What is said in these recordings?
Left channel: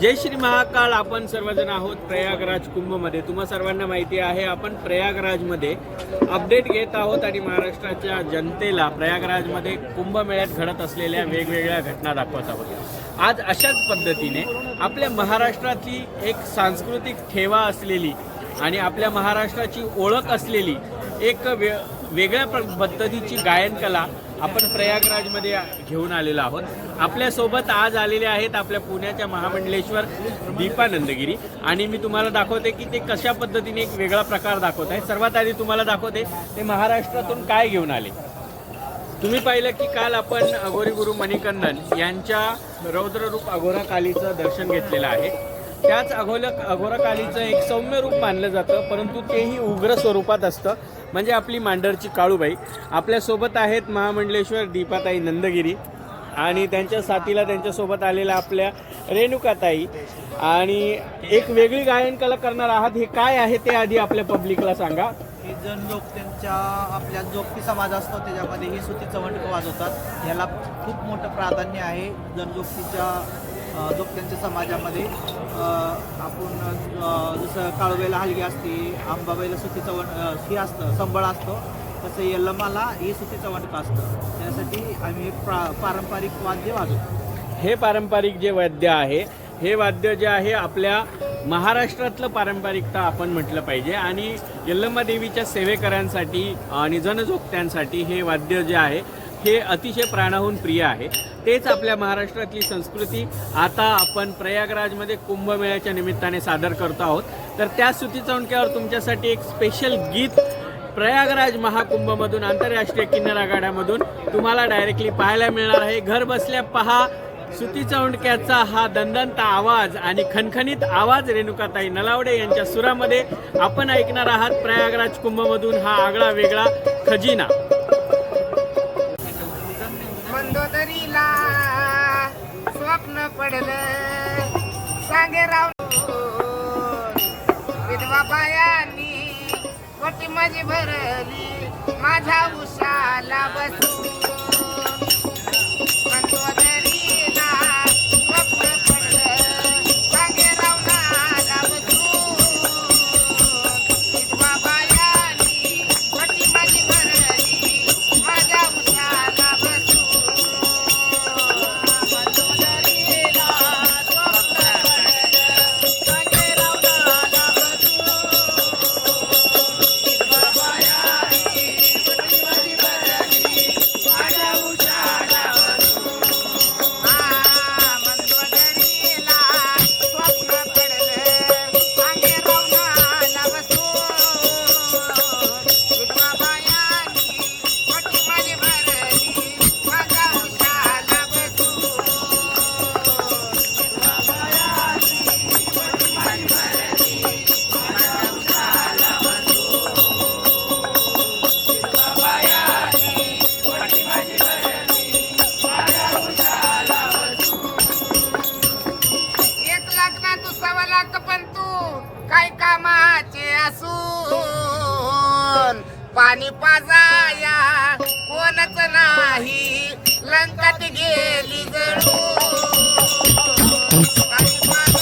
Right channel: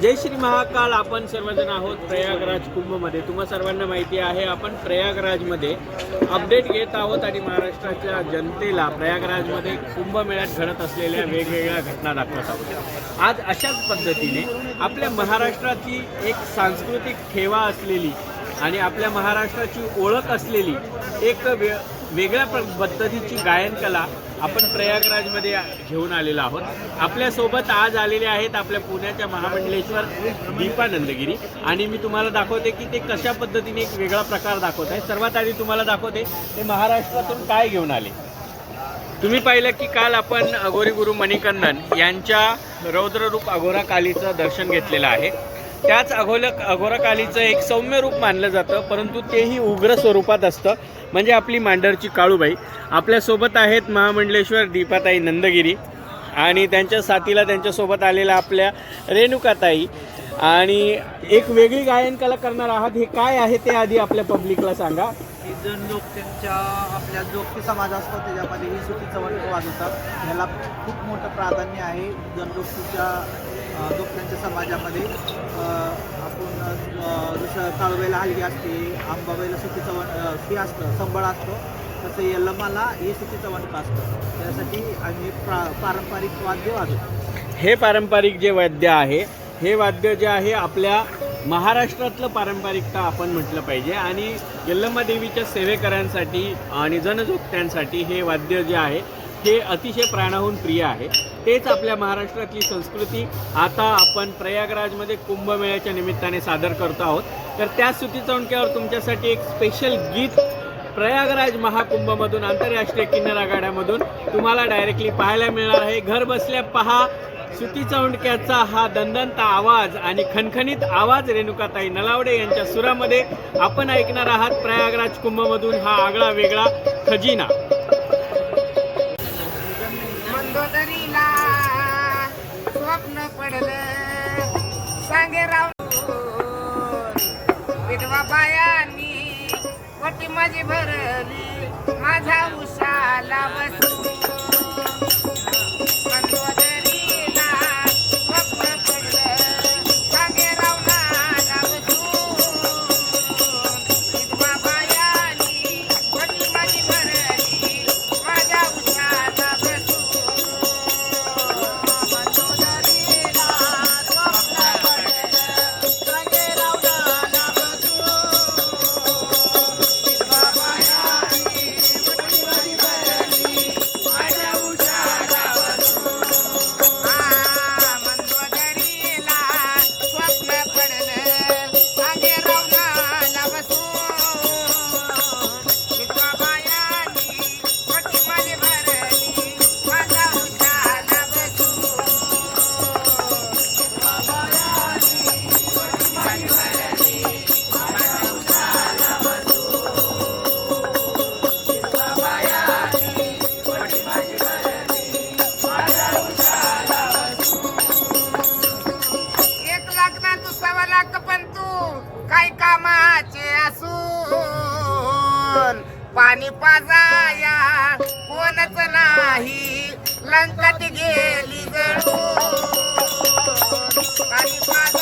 जय श्री महाकाल. आपण सर्वजण आहोत प्रयागराज कुंभमध्ये. तुम्हा सर्वांना माहिती आहे आपण प्रयागराजमध्ये अपडेट घेत आहोत आणि महाराष्ट्राच्या जनतेला प्रयागराजमध्ये कुंभमेळ्यात घडत असलेल्या वेगवेगळ्या घटना दाखवत आहोत. आज अशाच पद्धतीने आपल्या महाराष्ट्राची एक सांस्कृतिक ठेवा असलेली आणि आपल्या महाराष्ट्राची ओळख असलेली एक वे वेगळ्या पद्धतीची गायनकला आपण प्रयागराजमध्ये घेऊन आलेलो आहोत. आपल्यासोबत आज आलेले आहेत आपल्या पुण्याच्या महामंडलेश्वर दीपा नंदगिरी आणि मी तुम्हाला दाखवते की ते कशा पद्धतीने एक वेगळा प्रकार दाखवत आहे. सर्वात आधी तुम्हाला दाखवते ते महाराष्ट्रातून काय घेऊन आले. तुम्ही पाहिलं की काल आपण अघोरी गुरु मणिकंदन यांच्या रौद्ररूप अघोरा कालीचं दर्शन घेतलेलं आहे. त्याच अघोल अघोराकालीचं एक सौम्य रूप मानलं जातं परंतु तेही उग्र स्वरूपात असतं. म्हणजे आपली मांडरची काळूबाई. आपल्यासोबत आहेत महामंडलेश्वर दीपाताई नंदगिरी आणि त्यांच्या साथीला त्यांच्यासोबत आलेल्या आपल्या रेणुकाताई. आणि एक वेगळी गायन कला करणार आहात हे काय आहे ते आधी आपल्या पब्लिकला सांगा. ही जण लोक त्यांच्या आपल्या जोगती समाज असतो त्याच्यामध्ये ही सुती चवंड वाजवतात. ह्याला खूप मोठं प्राधान्य आहे जनजोगतीच्या जोगत्यांच्या समाजामध्ये आपण जसं काळवेला हलगी असते आंबाबाईला सुती चवंड ती असतं संबळ असतं तसं यल्लमाला ही सुती चवंड असतं. त्यासाठी आम्ही प्रा पारंपरिक वाद्य वाजवतो. हे पारंपरिक जे वाद्य आहे हे वाद्य जे आहे आपल्या महाराष्ट्रातलं पारंपरिकता आपण म्हटलं पाहिजे आणि यल्लम्मा देवीच्या सेवेकरांसाठी आणि जनजोगत्यांसाठी हे वाद्य जे आहे हे अतिशय प्राणाहून प्रिय आहे. तेच आपल्या महाराष्ट्रातली संस्कृती. आता आपण प्रयागराजमध्ये कुंभमेळ्याच्या निमित्ताने सादर करतो आहोत. तर त्या स्तुती चौंडक्यावर तुमच्यासाठी एक स्पेशल गीत प्रयागराज महाकुंभमधून आंतरराष्ट्रीय किन्नर आघाड्यामधून तुम्हाला डायरेक्टली पाहायला मिळणार आहे. घर बसल्या पहा सुती चौंडक्याचा हा दंदंत आवाज आणि खणखणीत आवाज रेणुकाताई नलावडे यांच्या सुरामध्ये आपण ऐकणार आहात प्रयागराज कुंभमधून हा आगळा वेगळा खजिना. पडलं. सांगे राव विधवा बायांनी वटी माझी भरली. माझा उसाला बसू. पाणी पाजाया. कोणच नाही. लंकात गेली गळू पाणी पाजा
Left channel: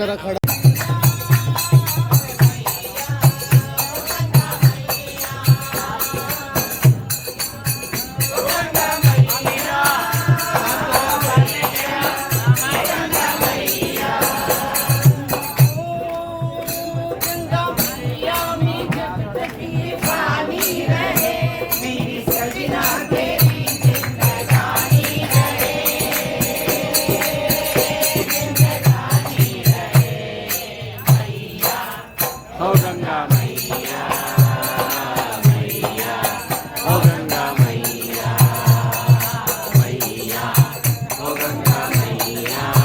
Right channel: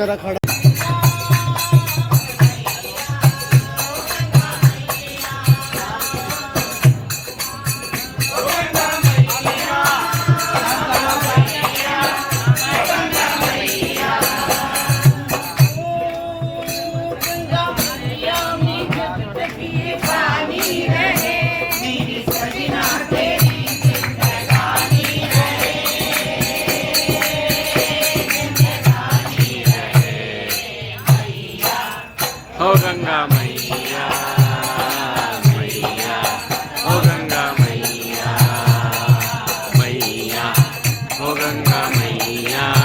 किन्नर 美呀、啊。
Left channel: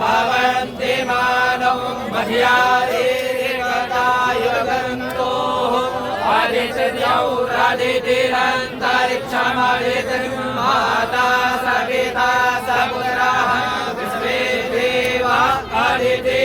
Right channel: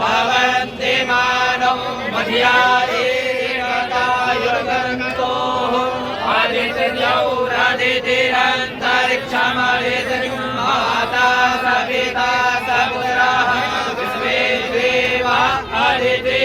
भवन्ति मानौ मध्यायेतो आदित्यौ माता सविता सपुराः विश्वे देवा। आदित्य